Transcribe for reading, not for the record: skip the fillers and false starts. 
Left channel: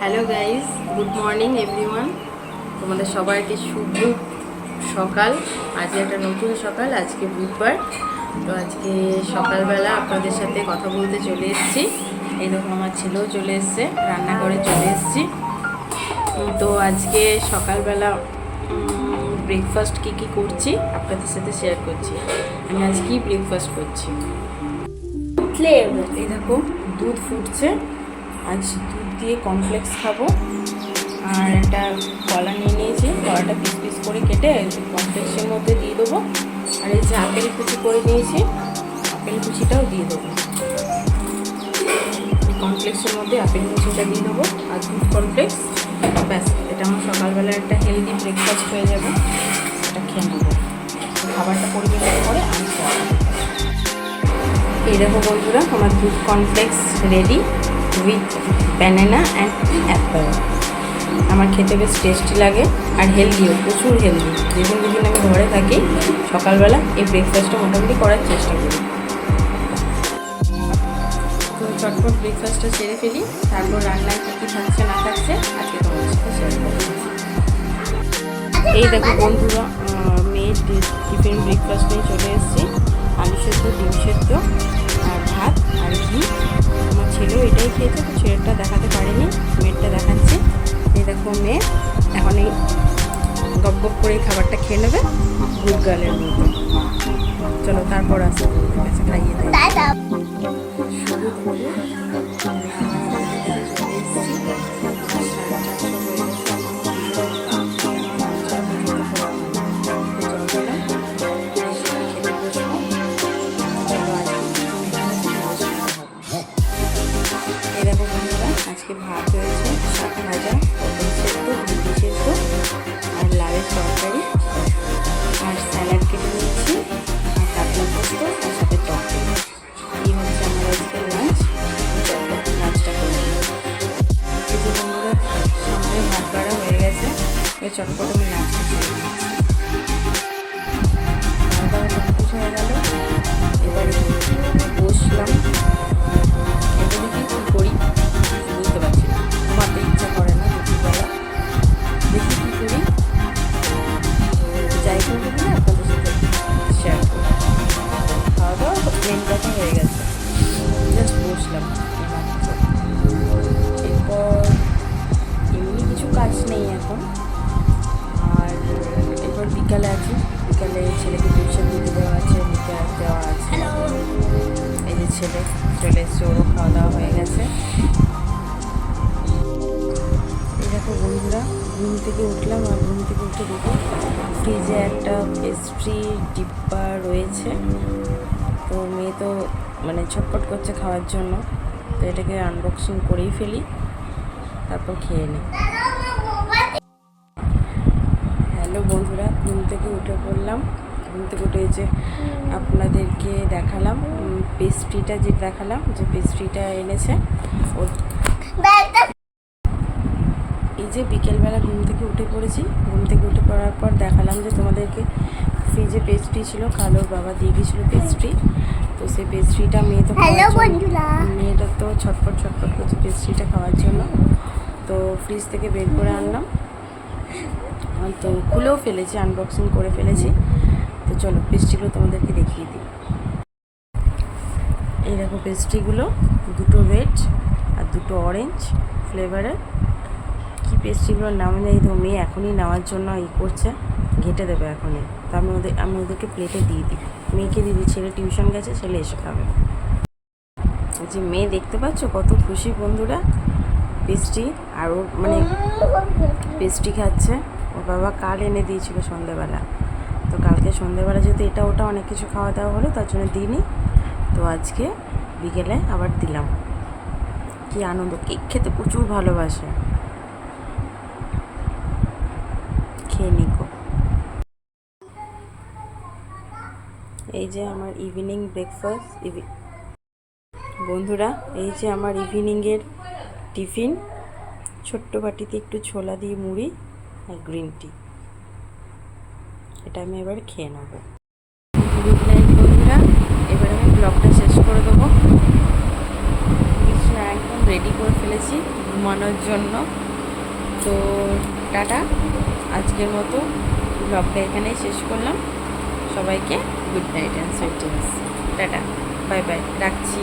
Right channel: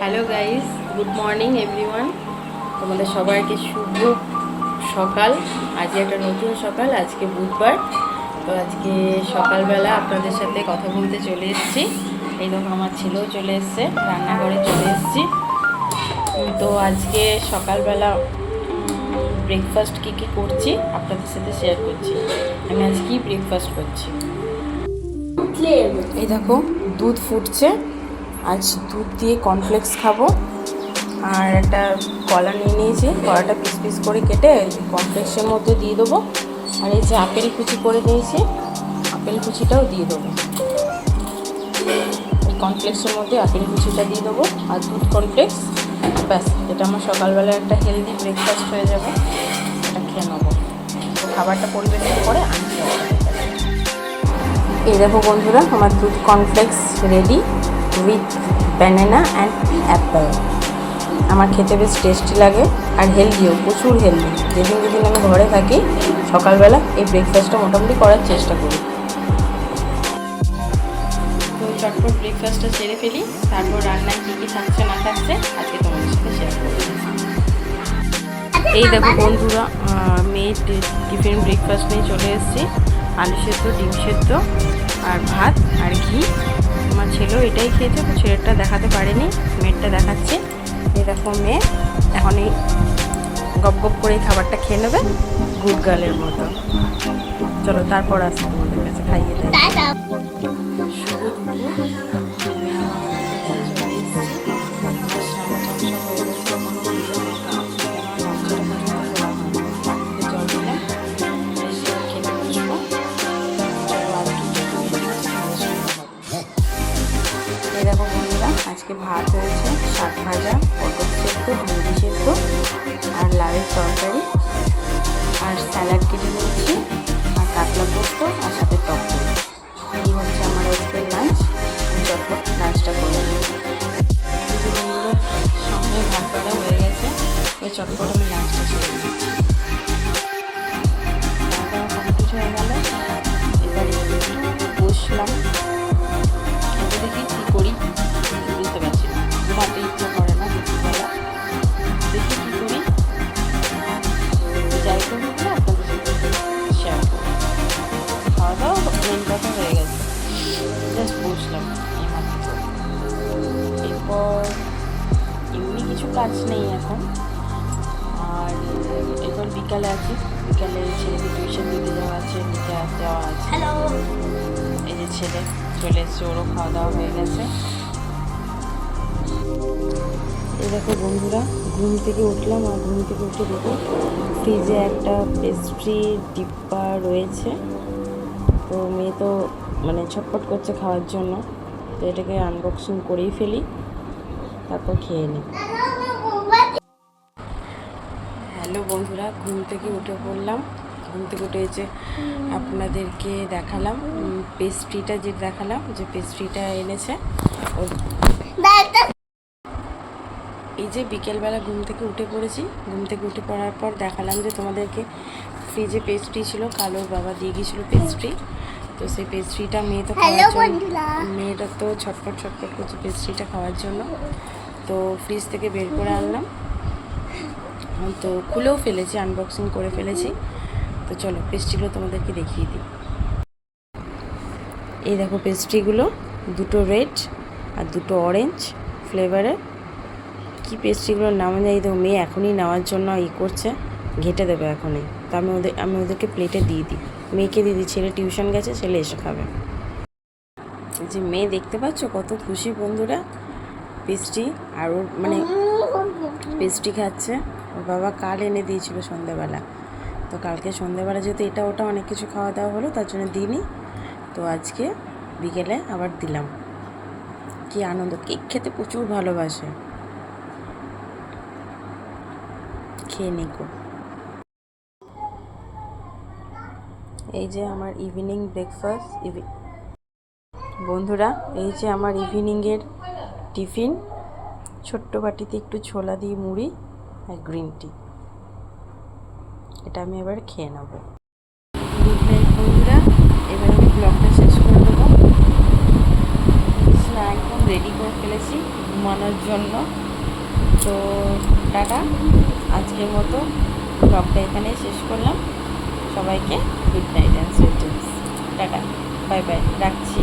Hello guys, good morning everyone. তোমাদের সবাইকে শুভ সকাল। আজকে একটা নতুন সকাল, আজকে বুধবার। তো আজকে সকালবেলা আপনাদের সাথে কথা বলতে চলে এসেছি। এই দেখো আমার ছেলেও চলে এসছে, রান্নাঘরে চলে এসেছি। তো আজকে সকালবেলা ব্রেকফাস্ট কী করছি আপনাদের সাথে শেয়ার করছি। আমি আজ কি ব্রেকফাস্ট করছি, এই দেখো দুধ ফুটছে। আজ দুধ দিয়ে কর্নফ্লেক্স খাবো। আর একটা কলা নিয়ে নিয়েছি, কলাটা পিস পিস করে কেটে কর্নফ্লেক্সের মধ্যে দিয়ে দেবো। আর এই যে আপেল কুচি করে নিয়েছি, আপেল কুচিটাও দিয়ে দেবো। কর্নফ্লেক্সের মধ্যে আপেল কুচিটা দিয়ে দেবো আর দুধ কর্নফ্লেক্স, ব্যাস। এটা আমার সকালবেলা একটা হেলদি ব্রেকফাস্ট হয়ে যাবে। এটা খেয়ে নেবো। তো খাবারটা পরিবেশন করে আমি খেয়ে নেবো। এই দেখো বন্ধুরা, আমার দুধ cornflakes ready with banana and Apple. আমার খেতে বেশ টেস্টি লাগে আর হেলদিও, প্রচুর হেলদি। যেদিন যেদিন আমি ঘরে থাকি সকালবেলা এই ব্রেকফাস্টটা মোটামুটি করার চেষ্টা করি। তো চটপট ব্রেকফাস্টটা সেরে ফেলি, তারপর রান্নায় কী কী থাকছে না থাকছে আজকে তোমাদের সাথে শেয়ার করবো। এই দেখো বন্ধুরা, মেয়ের টিফিন ব্রেকফাস্ট নিয়ে চলে এসেছি। আলু সেদ্ধ, ডিম সেদ্ধ আর ভাত আর ঘি। আমার ছেলেও এটাই খেয়েছে, তো ছেলেটা দেখাতে পারেনি, মেয়েরটা দেখাচ্ছে। এই দেখো মেয়ে এখন এই গপ গপ করে খাবারটা খেয়ে নেবে গুড গার্লের মতো। চলো তারপর আসি তোমাদের কাছে, খাইয়ে দেয়। এই দেখো বন্ধুরা, আজকে ভাত হয়েছে, শাক ভাজা, পটল সেদ্ধ, ভেন্ডি সেদ্ধ আর লাউয়ের তরকারি আর স্যালাড কেটে নিয়েছি আর কাতলা পোস্ত আর সাথে টক দই। এই হচ্ছে আমার আজকের লাঞ্চ। আমি চটপট লাঞ্চটা করে নিই। এই যে বন্ধুরা, সঙ্গে ভাত করা হয়ে গেছে, এই চটপট আমি লাঞ্চটা করে নিই। খাওয়া দাওয়া কোনো কিছু হয়ে গেল, এবার বসলাম। এগুলো কী করি বুঝতে পারছি না, ঘুমাতে ইচ্ছা করে না দুপুরবেলা। দেখি কী করি, যাই করবো না আপনাদের সাথে শেয়ার করি। খাওয়া দাওয়া মেন কথা হয়ে গেছে, জাস্ট বসলাম। এরপর এমনি কিছু কাজ নেই এখন। আর এরপর বিকালে আছি, বিকালে ছেলেকে টিউশন দিয়ে দেওয়া আছে, মুখে হাত দেওয়া আছে। এই যে ছেলে চলে এসছে, ওরও খাওয়া দাওয়া হয়ে গেছে। এই দেখো বন্ধুরা, ঘুম থেকে উঠলাম আর ঘুম থেকে উঠে দেখি ফ্রিজে একটা পেস্ট্রি ডিব্বা রয়েছে। তো মেয়ে তো মানে ছটপট করছে খাওয়ার জন্য, তো এটাকে আনবক্সিং করেই ফেলি, তারপর খেয়ে নিই। হ্যালো বন্ধুরা, ঘুম থেকে উঠে পড়লাম। ঘুম থেকে উঠে যে আপনাদেরকে দেখালাম পেস্ট্রিটা, যে দেখালাম যে পেস্ট্রিটা এনেছে ওর। এই যে বিকেলবেলা ঘুম থেকে উঠে পড়েছি, ঘুম থেকে উঠে পড়ার পর দেখালাম যে তোমাদেরকে ফ্রিজে পেস্ট্রি ছিল, কালোর বাবা দিয়ে দিয়েছিলো পেস্ট্রি। তো সেই পেস্ট্রিটা মেয়ে তো খাওয়ার জন্য, মেয়েটা তো ছটপট করছে পেস্ট্রিটা খাওয়ার জন্য। তো ফ্রিজ থেকে বের করে আনলাম, তো খুলেও ফেলেছি, আনবক্সিং করে ফেলেছি। তো চলো পেস্ট্রিগুলো তোমাদেরকে দেখিয়ে দিই। এই দেখো পেস্ট্রিগুলো, দুটো রেড আর দুটো অরেঞ্জ ফ্লেভারের। কি পেস্ট্রিগুলোর নাম নেই, দেখো মেয়ে এখনই নেওয়ার জন্য করছে, ঘেঁটে দেবে এখনই। তো আমি ওদেরকে প্লেটে দিয়ে দিই, মেয়েকে দিয়ে দিই। ছেলে টিউশন গেছে, ছেলে এসে খাবে। যে মেয়ে দেখতে পাচ্ছ কত খুশি বন্ধুরা, পেস্ট্রি। আর ওর মানে পেস্ট্রি খাচ্ছে। ওর বাবা কাল এনে দিয়েছিল সন্ধ্যেবেলা, তো কালকে সন্ধ্যেবেলা যেহেতু এটা ওটা অনেক কিছু খাওয়া দাওয়া হলো, তার জন্য দিইনি। তো আজকে বিকেলে আবার দিলাম। কি আনন্দ, কেক খেতে প্রচুর ভালোবাসে। খেয়ে নিকো। এই যে আমার ইভিনিং ব্রেকফাস্ট বন্ধুরা, এই যে আমার ইভিনিংয়ের টিফিন। ছোট্ট বাটিতে একটু ছোলা দিয়ে মুড়ি আর গ্রিন টি। এটা আমি এবার খেয়ে নেব। গুড নাইট বন্ধুরা, এবার আমি ব্লগটা শেষ করে দেবো। একদম রেডি করে ফেলেছি। ঘুমানোর জন্য। তো টাটা, আজকের মতো ব্লগটা এখানেই শেষ করলাম। সবাইকে good night and sweet dreams. Tata, bye bye, রাখছি।